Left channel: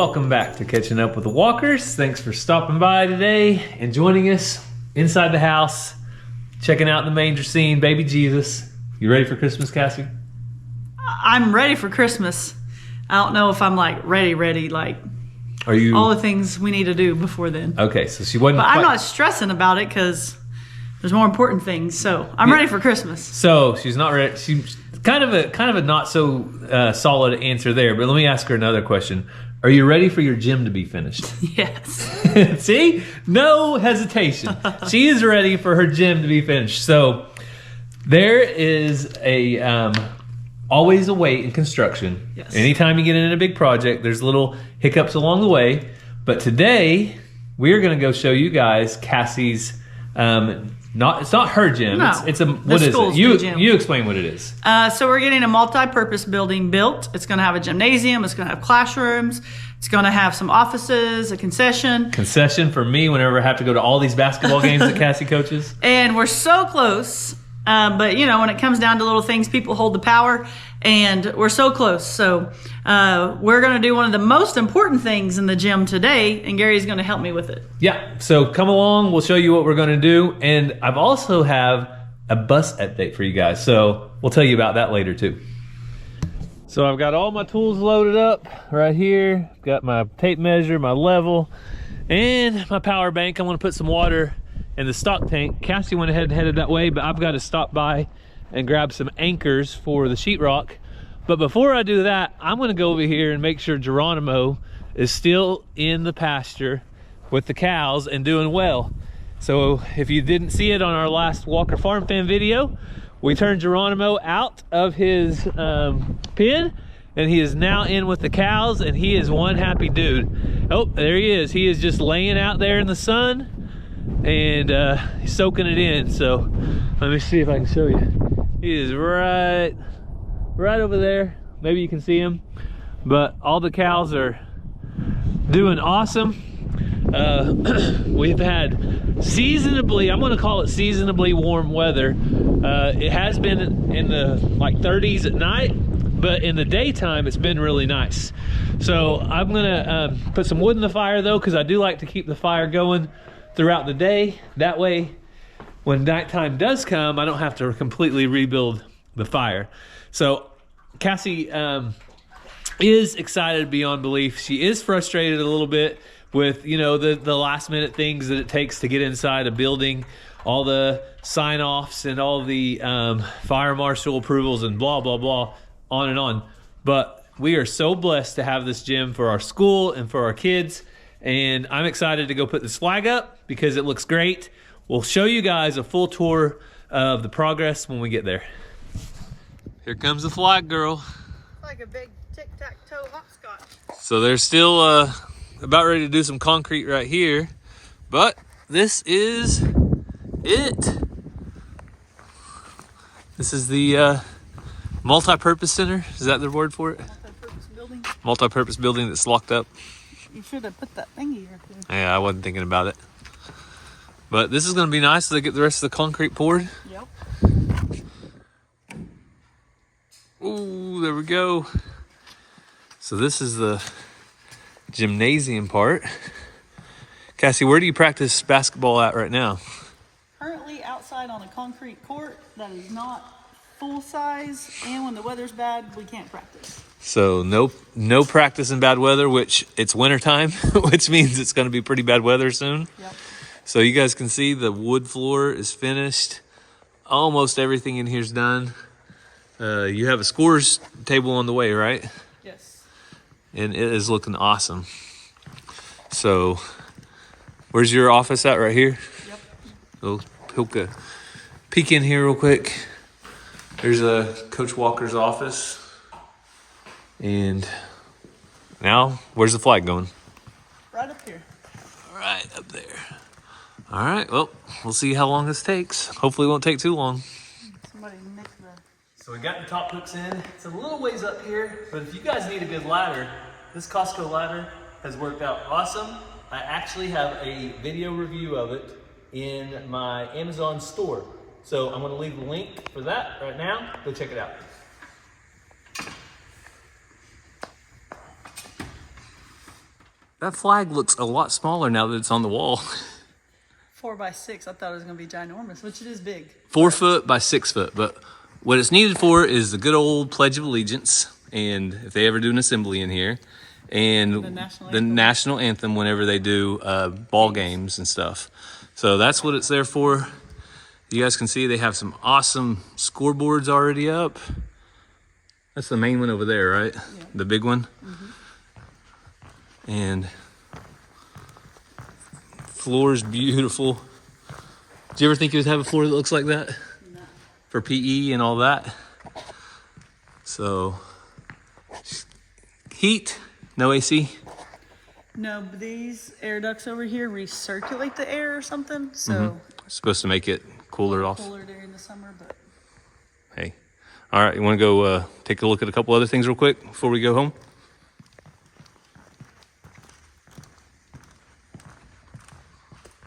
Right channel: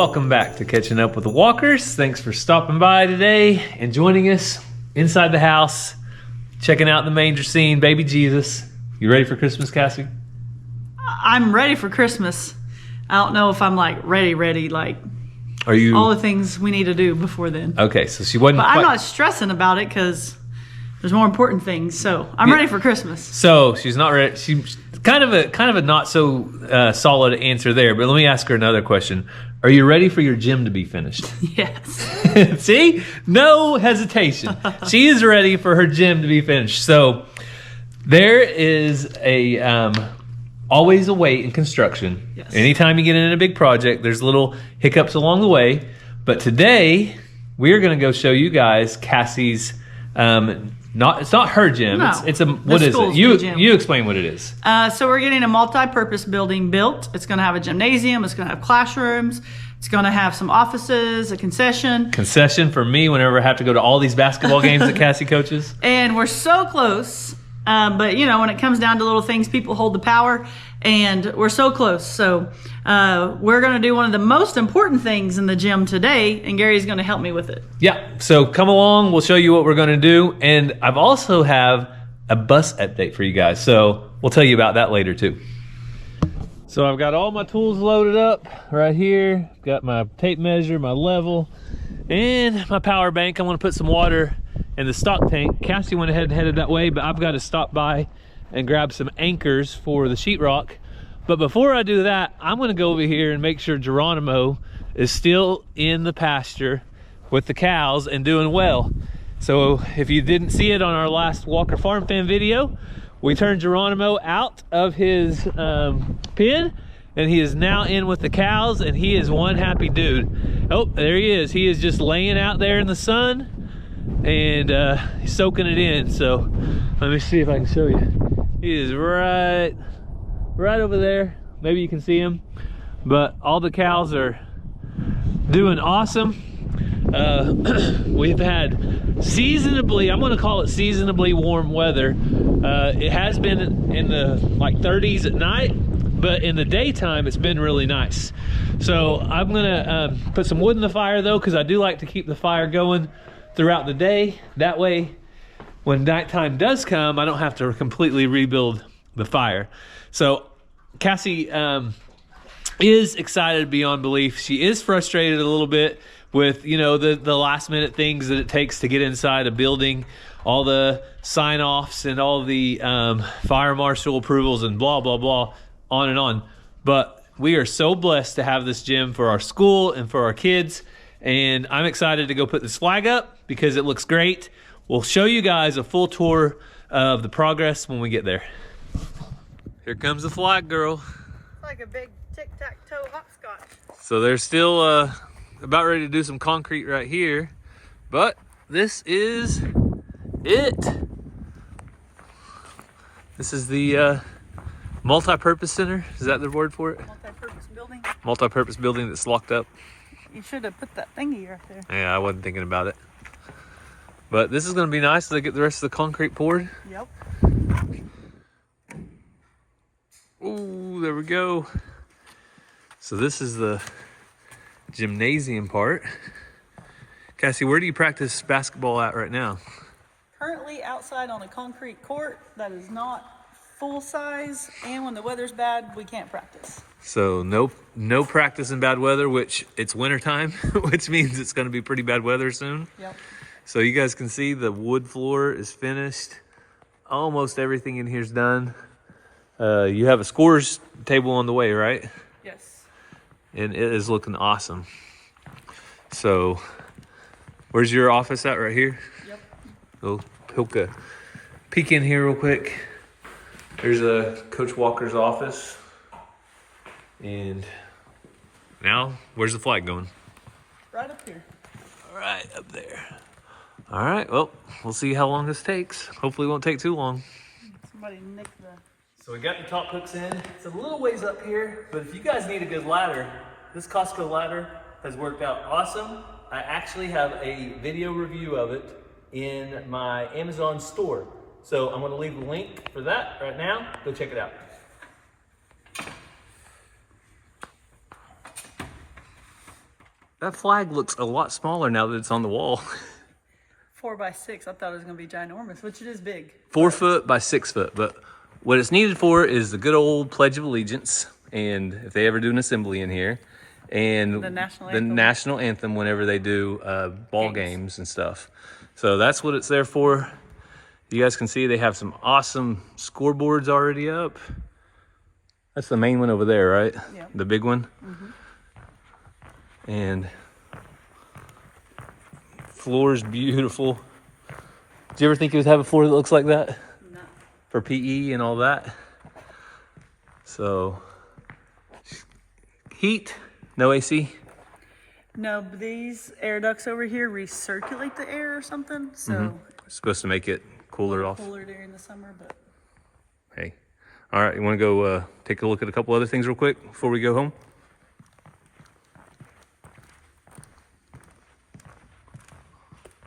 welcome back to Catching Up with the Walkers. Thanks for stopping by today and joining us inside the house, checking out the manger scene, baby Jesus. You ready for Christmas, Cassie? I'm ready for Christmas. I don't know if I'm like ready, like Are you all the things we need to do before then. Okay, so she wasn't But I'm not stressing about it because there's more important things. So I'm ready for Christmas. So she's not ready. She's kind of a not so solid answer there, but let me ask her another question. Are you ready for your gym to be finished? Yes. See? No hesitation. She is ready for her gym to be finished. So there is always a wait in construction. Yes. Anytime you get in a big project, there's little hiccups along the way. But today, we're going to go show you guys Cassie's, it's not her gym. No, what is it? You explain what it is. So we're getting a multi-purpose building built. It's going to have a gymnasium. It's going to have classrooms. It's going to have some offices, a concession. Concession for me whenever I have to go to all these basketball games that Cassie coaches. And we're so close. But, you know, when it comes down to little things, people hold the power. And we're so close. So we're going to do one of the most important things in the gym today. And Gary's going to help me with it. Yeah. So come along. We'll show you what we're going to do. And I've also have a bus update for you guys. So we'll tell you about that later too. So I've got all my tools loaded up right here. I've got my tape measure, my level, and my power bank. I'm going to put some water in the stock tank. Cassie went ahead and headed that way, but I've got to stop by and grab some anchors for the sheetrock. But before I do that, I'm going to go over here and make sure Geronimo is still in the pasture with the cows and doing well. So if you didn't see it on our last Walker Farm Fan video, we turned Geronimo out of his pen, and he is now in with the cows, and he is one happy dude. Oh, there he is. He is just laying out there in the sun and he's soaking it in. So let me see if I can show you. He is right over there. Maybe you can see him. But all the cows are doing awesome. We've had seasonably, I'm going to call it seasonably warm weather. It has been in the like 30s at night, but in the daytime it's been really nice. So I'm going to put some wood in the fire though, because I do like to keep the fire going throughout the day. That way when nighttime does come, I don't have to completely rebuild the fire. So Cassie is excited beyond belief. She is frustrated a little bit with, you know, the last minute things that it takes to get inside a building, all the sign offs and all the fire marshal approvals and blah, blah, blah, on and on. But we are so blessed to have this gym for our school and for our kids. And I'm excited to go put this flag up because it looks great. We'll show you guys a full tour of the progress when we get there. Here comes the flag girl. Like a big tic-tac-toe hopscotch. So they're still about ready to do some concrete right here, but this is it. This is the multi-purpose center. Is that the word for it? Multi-purpose building. Multi-purpose building that's locked up. You should have put that thingy right there. Yeah, I wasn't thinking about it. But this is going to be nice as they get the rest of the concrete poured. Yep. Ooh, there we go. So this is the gymnasium part. Cassie, where do you practice basketball at right now? Currently outside on a concrete court that is not full size, and when the weather's bad, we can't practice. So no practice in bad weather, which it's wintertime, which means it's going to be pretty bad weather soon. Yep. So you guys can see the wood floor is finished. Almost everything in here is done. You have a scores table on the way, right? Yes. And it is looking awesome. So where's your office at right here? Yep. We'll poke a peek in here real quick. There's Coach Walker's office. And now, where's the flag going? Right up here. Right up there. All right, well, we'll see how long this takes. Hopefully it won't take too long. Somebody nicked the... So we got the top hooks in. It's a little ways up here, but if you guys need a good ladder, this Costco ladder has worked out awesome. I actually have a video review of it in my Amazon store. So I'm gonna leave the link for that right now. Go check it out. that flag looks a lot smaller now that it's on the wall. 4 by 6. I thought it was going to be ginormous, which it is big. 4 foot by 6 foot. But what it's needed for is the good old Pledge of Allegiance. And if they ever do an assembly in here, and the national anthem whenever they do ball games and stuff. So that's what it's there for. You guys can see they have some awesome scoreboards already up. That's the main one over there, right? Yeah. The big one. Mm-hmm. And floor's beautiful. Did you ever think you would have a floor that looks like that? No. For PE and all that? So, heat, no AC? No, but these air ducts over here recirculate the air or something, so. It's supposed to make it cooler off. Cooler during the summer, but. Hey. All right, you want to go take a look at a couple other things real quick before we go home?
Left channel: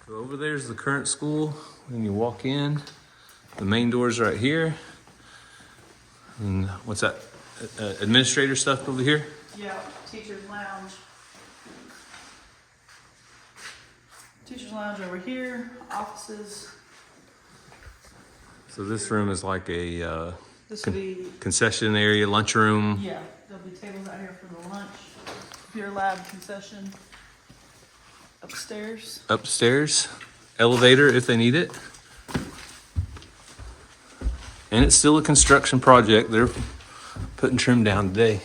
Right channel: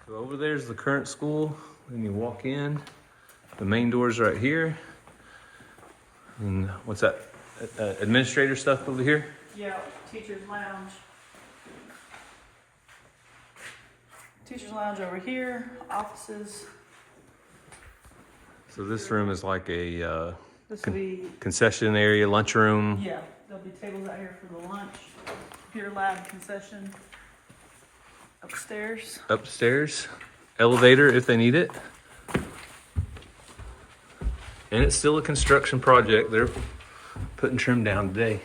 So over there's the current school. When you walk in, the main door's right here. And what's that? Administrator stuff over here? Yeah, teacher's lounge. Teacher's lounge over here, offices. So this room is like a This would be, concession area, lunchroom. yeah, there'll be tables out here for the lunch. Beer lab concession. Upstairs. Upstairs. Elevator if they need it. And it's still a construction project. They're putting trim down today.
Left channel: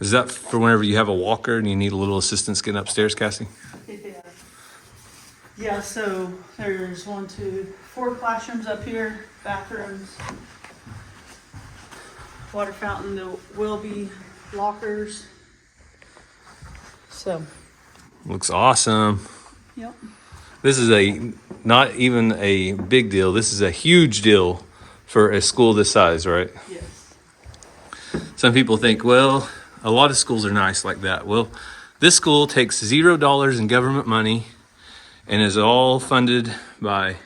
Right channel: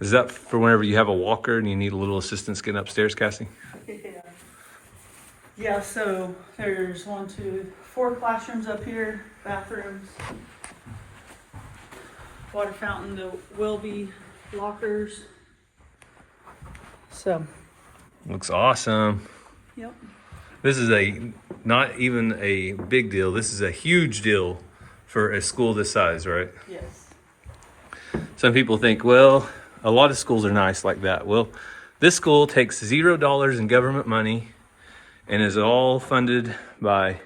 Is that for whenever you have a walker and you need a little assistance getting upstairs, Cassie? Yeah, so there's 1, 2, 4 classrooms up here, bathrooms, water fountain, there will be lockers. So. Looks awesome. Yep. This is not even a big deal. This is a huge deal for a school this size, right? Yes. Some people think, well, a lot of schools are nice like that. Well, this school takes $0 in government money and is all funded by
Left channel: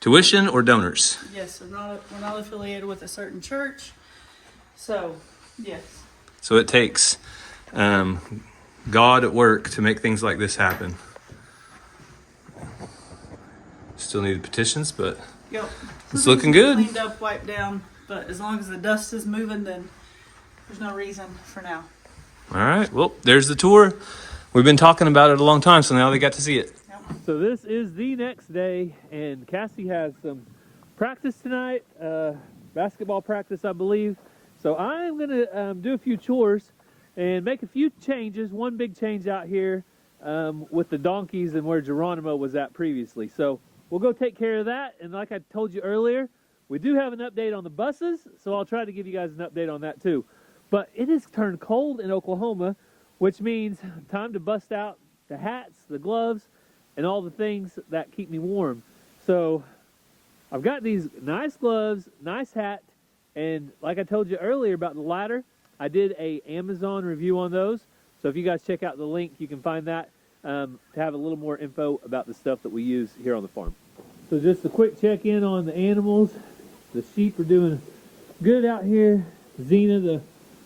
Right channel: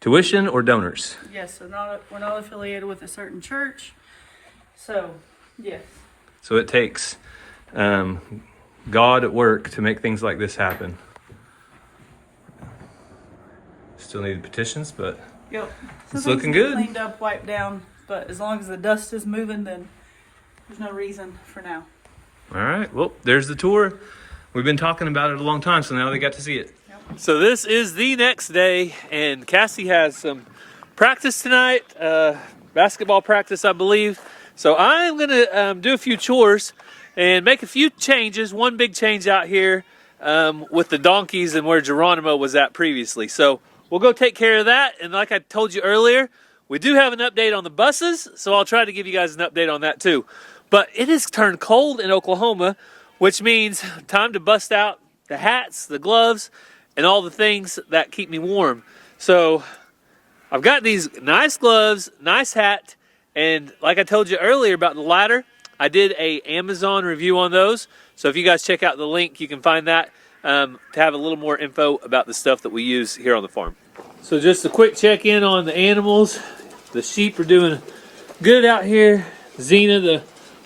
tuition or donors. Yes, so we're not affiliated with a certain church. So, yes. So it takes God at work to make things like this happen. Still need petitions, but yep. It's looking good. Cleaned up, wiped down, but as long as the dust is moving, then there's no reason for now. All right, well, there's the tour. We've been talking about it a long time, so now they got to see it. Yep. So this is the next day, and Cassie has some practice tonight, basketball practice, I believe. So I'm gonna do a few chores and make a few changes. One big change out here with the donkeys and where Geronimo was at previously. So we'll go take care of that. And like I told you earlier, we do have an update on the buses, so I'll try to give you guys an update on that too. But it has turned cold in Oklahoma, which means time to bust out the hats, the gloves, and all the things that keep me warm. So I've got these nice gloves, nice hat, and like I told you earlier about the ladder, I did a Amazon review on those. So if you guys check out the link, you can find that to have a little more info about the stuff that we use here on the farm. So just a quick check-in on the animals. The sheep are doing good out here. Xena, the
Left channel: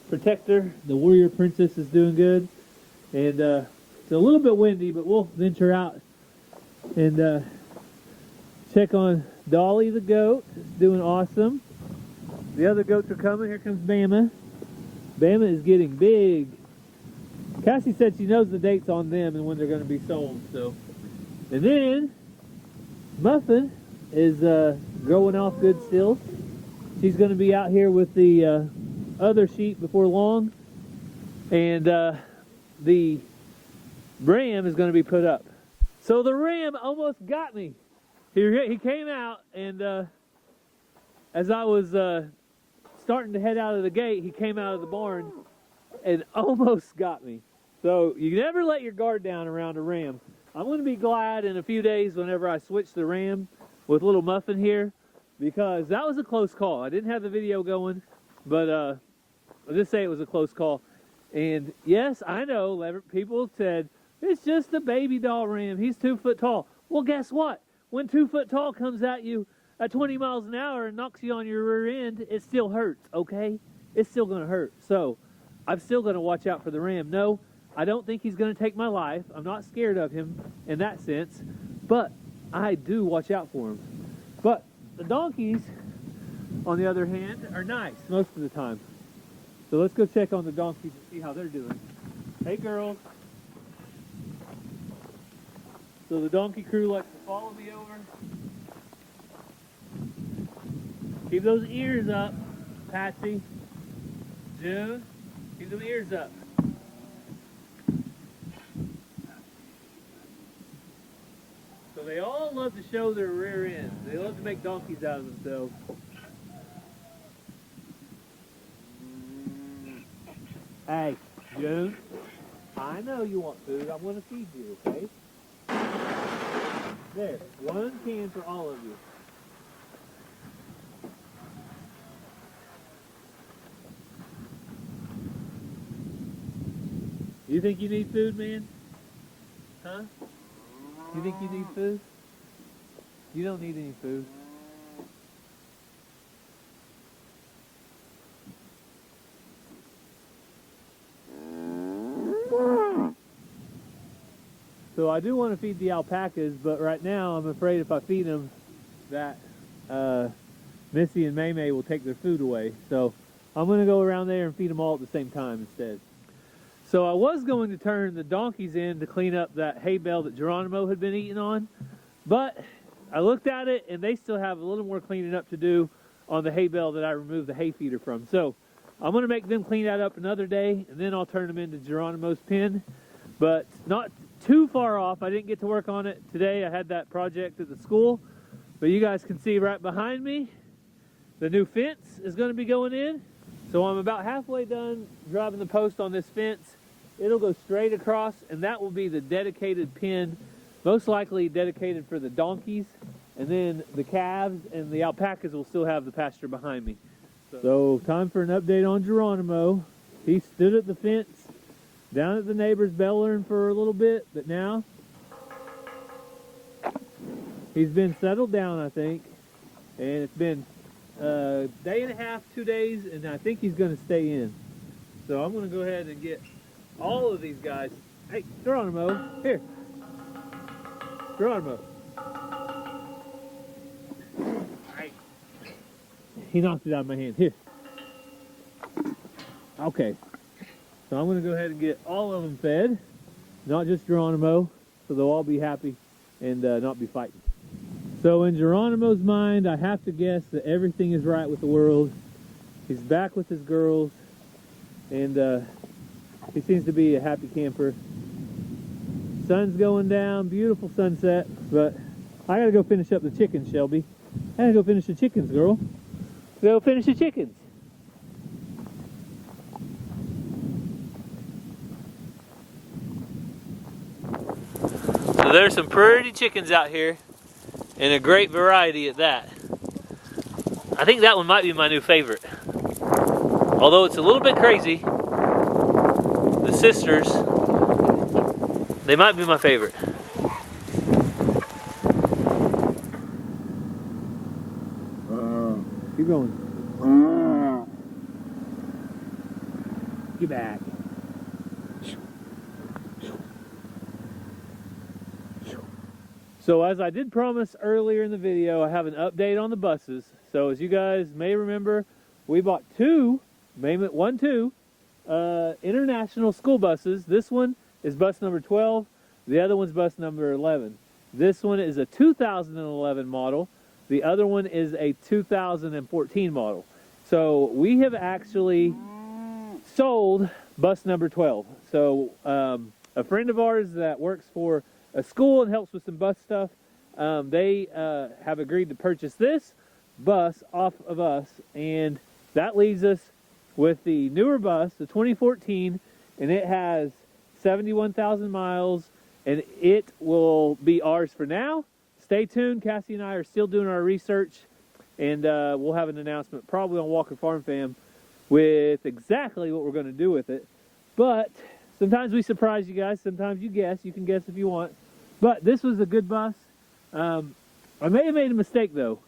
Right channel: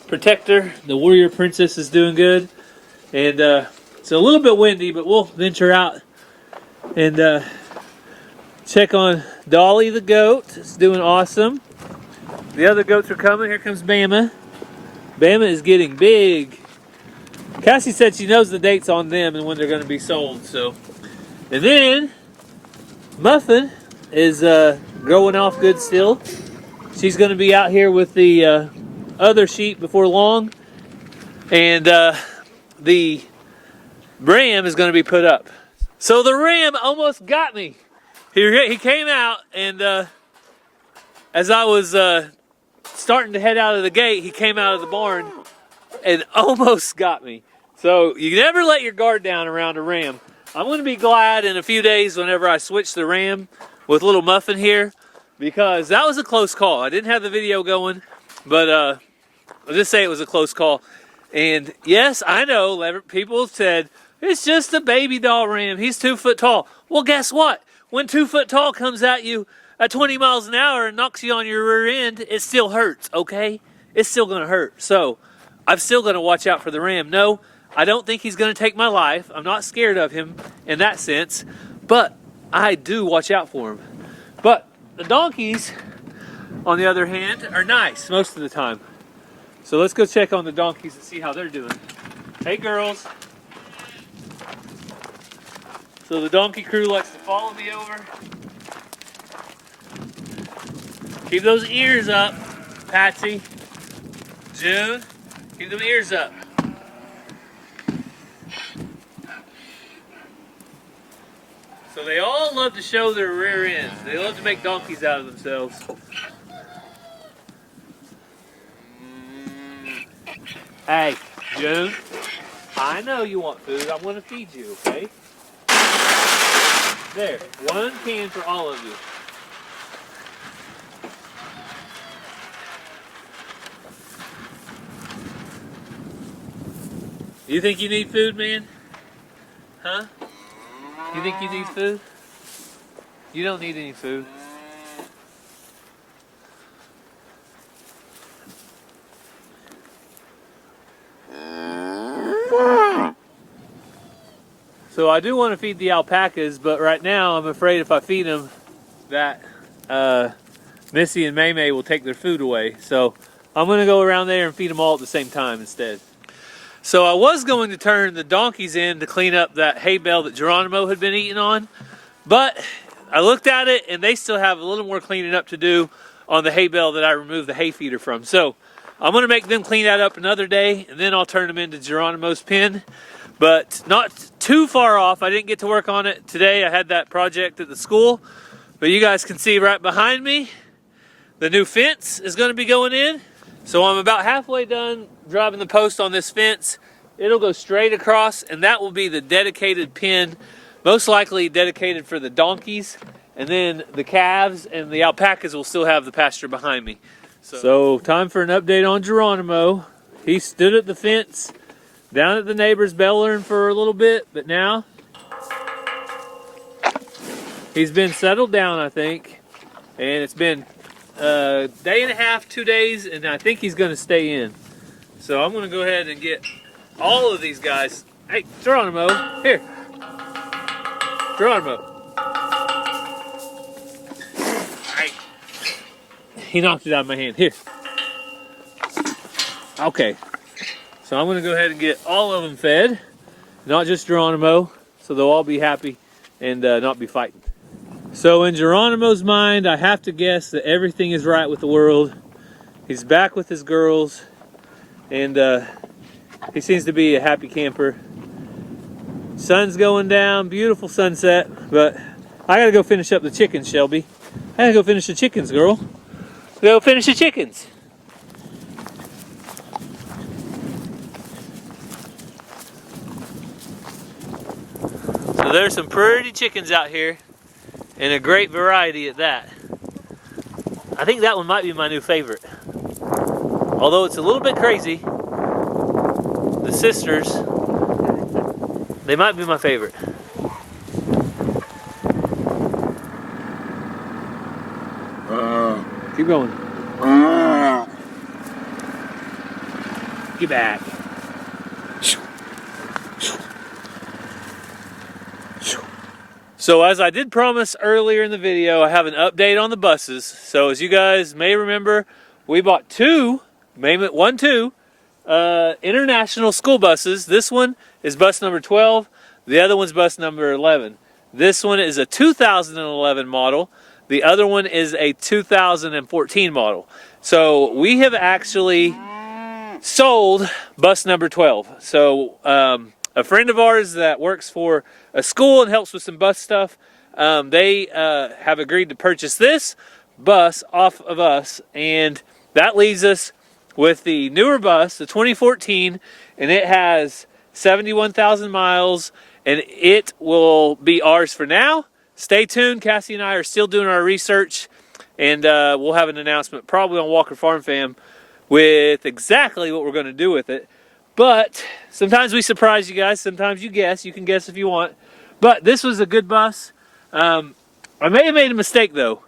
protector, the warrior princess, is doing good. And it's a little bit windy, but we'll venture out and check on Dolly the goat. It's doing awesome. The other goats are coming. Here comes Bama. Bama is getting big. Cassie said she knows the dates on them and when they're going to be sold. So, and then Muffin is growing off good still. She's going to be out here with the other sheep before long, and the ram is going to be put up. So the ram almost got me. He came out, and as I was starting to head out of the gate, he came out of the barn and almost got me. So you never let your guard down around a ram. I'm going to be glad in a few days whenever I switch the ram with little Muffin here, because that was a close call. I didn't have the video going, but I'll just say it was a close call. And yes, I know people have said, it's just a baby doll ram. He's 2 foot tall. Well, guess what? When 2 foot tall comes at you at 20 miles an hour and knocks you on your rear end, it still hurts, okay? It's still gonna hurt. So I'm still gonna watch out for the ram. No, I don't think he's gonna take my life. I'm not scared of him in that sense, but I do watch out for him. But the donkeys, on the other hand, are nice most of the time. So let's go check on the donkeys and see how they're doing. Hey girls. So the donkey crew likes to follow me over. Keep those ears up, Patsy. June, keep them ears up. So they all love to show their rear ends. They love to make donkeys out of themselves. Hey, June, I know you want food. I'm gonna feed you, okay? There, 1 can for all of you. You think you need food, man? Huh? You think you need food? You don't need any food. So I do want to feed the alpacas, but right now I'm afraid if I feed them that Missy and May May will take their food away. So I'm going to go around there and feed them all at the same time instead. So I was going to turn the donkeys in to clean up that hay bale that Geronimo had been eating on, but I looked at it and they still have a little more cleaning up to do on the hay bale that I removed the hay feeder from. So I'm going to make them clean that up another day, and then I'll turn them into Geronimo's pen. But not too far off. I didn't get to work on it today. I had that project at the school. But you guys can see right behind me, the new fence is going to be going in. So I'm about halfway done driving the post on this fence. It'll go straight across, and that will be the dedicated pen, most likely dedicated for the donkeys. And then the calves and the alpacas will still have the pasture behind me. So time for an update on Geronimo. He stood at the fence down at the neighbor's bellering for a little bit, but now he's been settled down, I think. And it's been a day and a half, 2 days, and I think he's going to stay in. So I'm going to go ahead and get all of these guys. Hey, Geronimo, here. Geronimo. Hey. He knocked it out of my hand. Here. Okay. So I'm going to go ahead and get all of them fed, not just Geronimo, so they'll all be happy and not be fighting. So in Geronimo's mind, I have to guess that everything is right with the world. He's back with his girls, and he seems to be a happy camper. Sun's going down, beautiful sunset, but I gotta go finish up the chickens, Shelby. I gotta go finish the chickens, girl. Go finish the chickens. So there's some pretty chickens out here, and a great variety at that. I think that one might be my new favorite. Although it's a little bit crazy, the sisters, they might be my favorite. Keep going. Get back. So as I did promise earlier in the video, I have an update on the buses. So as you guys may remember, we bought two international school buses. This one is bus number 12. The other one's bus number 11. This one is a 2011 model. The other one is a 2014 model. So we have actually sold bus number 12. So a friend of ours that works for a school and helps with some bus stuff, they have agreed to purchase this bus off of us, and that leaves us with the newer bus, the 2014, and it has 71,000 miles, and it will be ours for now. Stay tuned. Cassie and I are still doing our research, and we'll have an announcement probably on Walker Farm Fam with exactly what we're going to do with it. But sometimes we surprise you guys. Sometimes you guess. You can guess if you want. But this was a good bus. I may have made a mistake though.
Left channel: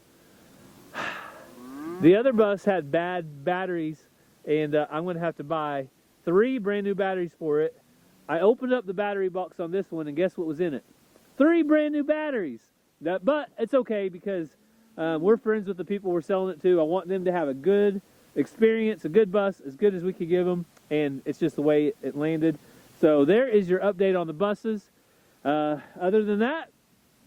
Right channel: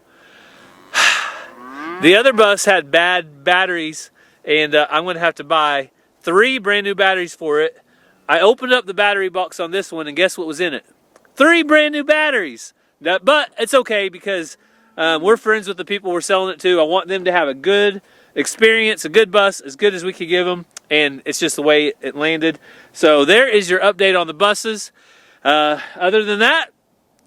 The other bus had bad batteries, and I'm going to have to buy 3 brand new batteries for it. I opened up the battery box on this one, and guess what was in it? 3 brand new batteries. But it's okay because we're friends with the people we're selling it to. I want them to have a good experience, a good bus, as good as we could give them, and it's just the way it landed. So there is your update on the buses. Other than that,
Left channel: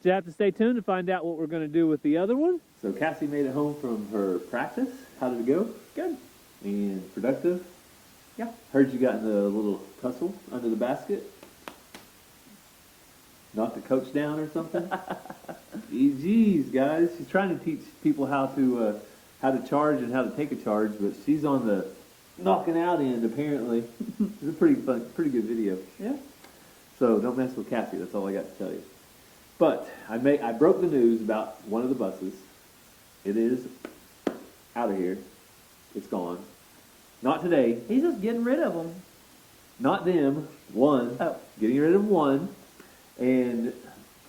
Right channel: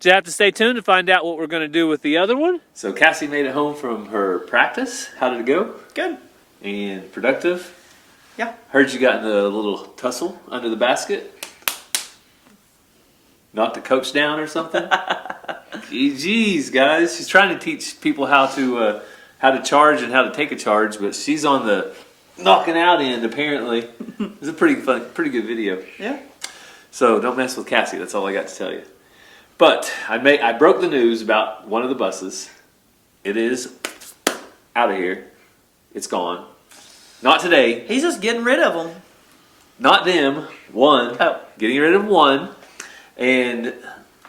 you have to stay tuned to find out what we're going to do with the other one. So Cassie made it home from her practice. How did it go? Good. And productive? Yeah. Heard you got in a little tussle under the basket. Knocked the coach down or something? Jeez, guys. She's trying to teach people how to charge and how to take a charge, but she's on the knocking out end, apparently. It's a pretty good video. Yeah. So don't mess with Cassie. That's all I got to tell you. But I broke the news about one of the buses. It is out of here. It's gone. Not today. He's just getting rid of them. Not them. One. Oh. Getting rid of one. And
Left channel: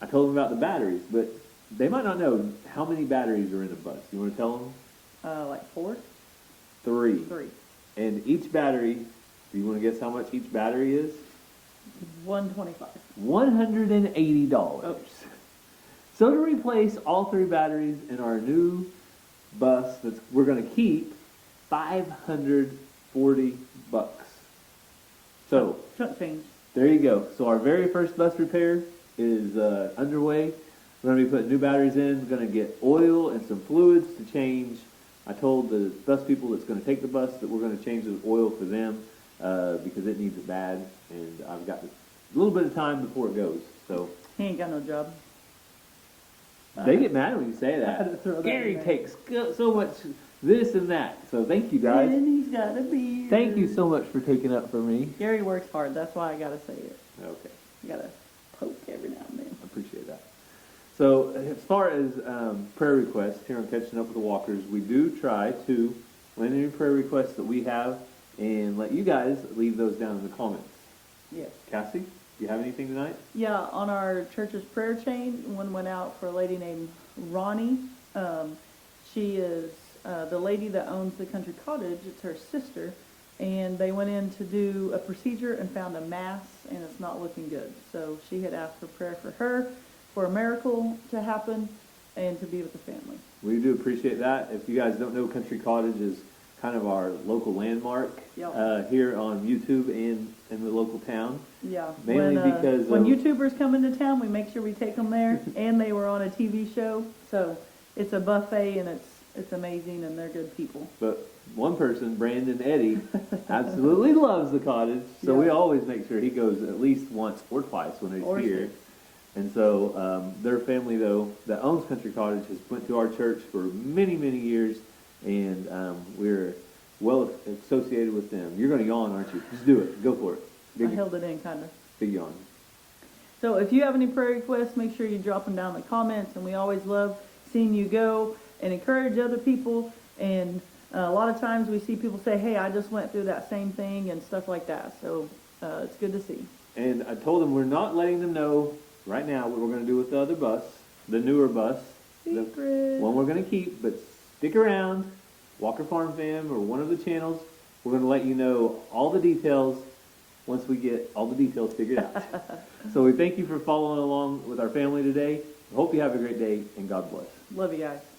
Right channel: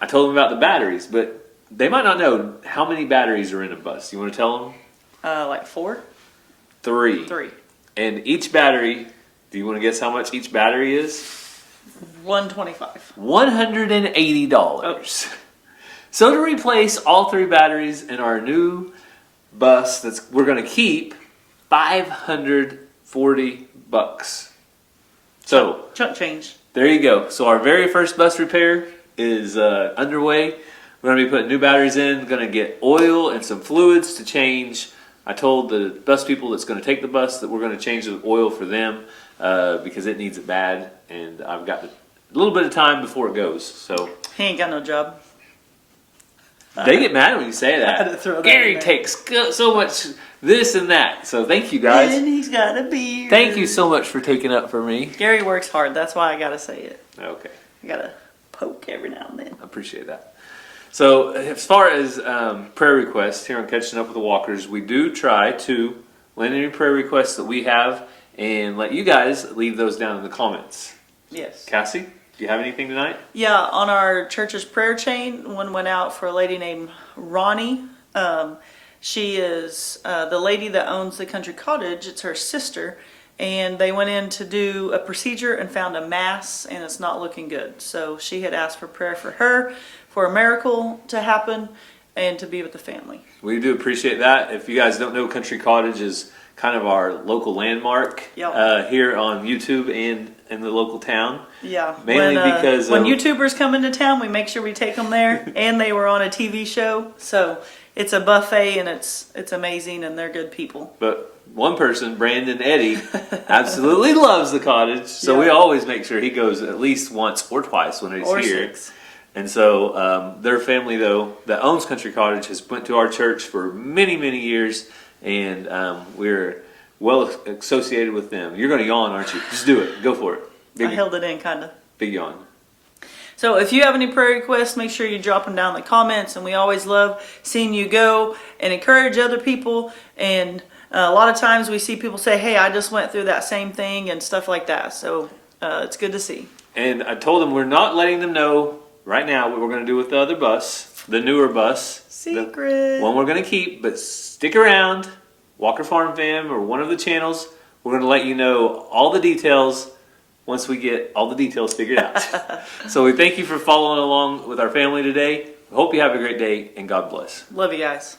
I told them about the batteries, but they might not know how many batteries are in a bus. You want to tell them? Like 4? 3. 3. And each battery, do you want to guess how much each battery is? $125. $180. Oh. So to replace all 3 batteries in our new bus we're going to keep, $540. So Chunk change. there you go. So our very first bus repair is underway. We're going to be putting new batteries in, going to get oil and some fluids to change. I told the bus people that's going to take the bus that we're going to change the oil for them because it needs it bad, and I've got a little bit of time before it goes. So He ain't got no job. they get mad when you say I had to that. throw that Gary in there. takes so much this and that. So thank you guys. And he's got a beard. Thank you so much for taking up for me. Gary works hard. That's why I gotta say it. Okay. I gotta poke every now and then. I appreciate that. So as far as prayer requests here on Catching Up with the Walkers, we do try to land any prayer requests that we have and let you guys leave those down in the comments. Yes. Cassie, do you have anything tonight? Yeah, on our church's prayer chain, one went out for a lady named Ronnie. She is the lady that owns the country cottage. It's her sister. And they went in to do a procedure and found a mass, and it's not looking good. So she had asked for prayer for her, for a miracle to happen, and to be with the family. We do appreciate that. If you guys don't know, Country Cottage is kind of our local landmark here on YouTube and in the local town. Yeah. Mainly because when YouTubers come into town, we make sure we take them there. And they were on a TV show. So it's a buffet, and it's amazing, and they're good people. But one person, Brandon Eddie, absolutely loves the cottage. So we always make sure he goes at least once or twice when he's here. 6. And so their family, though, that owns Country Cottage, has went to our church for many, many years, and we're well associated with them. You're going to yawn, aren't you? Just do it. Go for it. I held it in, kind of. Big yawn. So if you have any prayer requests, make sure you drop them down in the comments. And we always love seeing you go and encourage other people. And a lot of times we see people say, hey, I just went through that same thing and stuff like that. So it's good to see. And I told them we're not letting them know right now what we're going to do with the other bus, the newer bus. Secret. The one we're going to keep, but stick around. Walker Farm Fam or one of the channels. We're going to let you know all the details once we get all the details figured out. So we thank you for following along with our family today. We hope you have a great day, and God bless. Love you guys.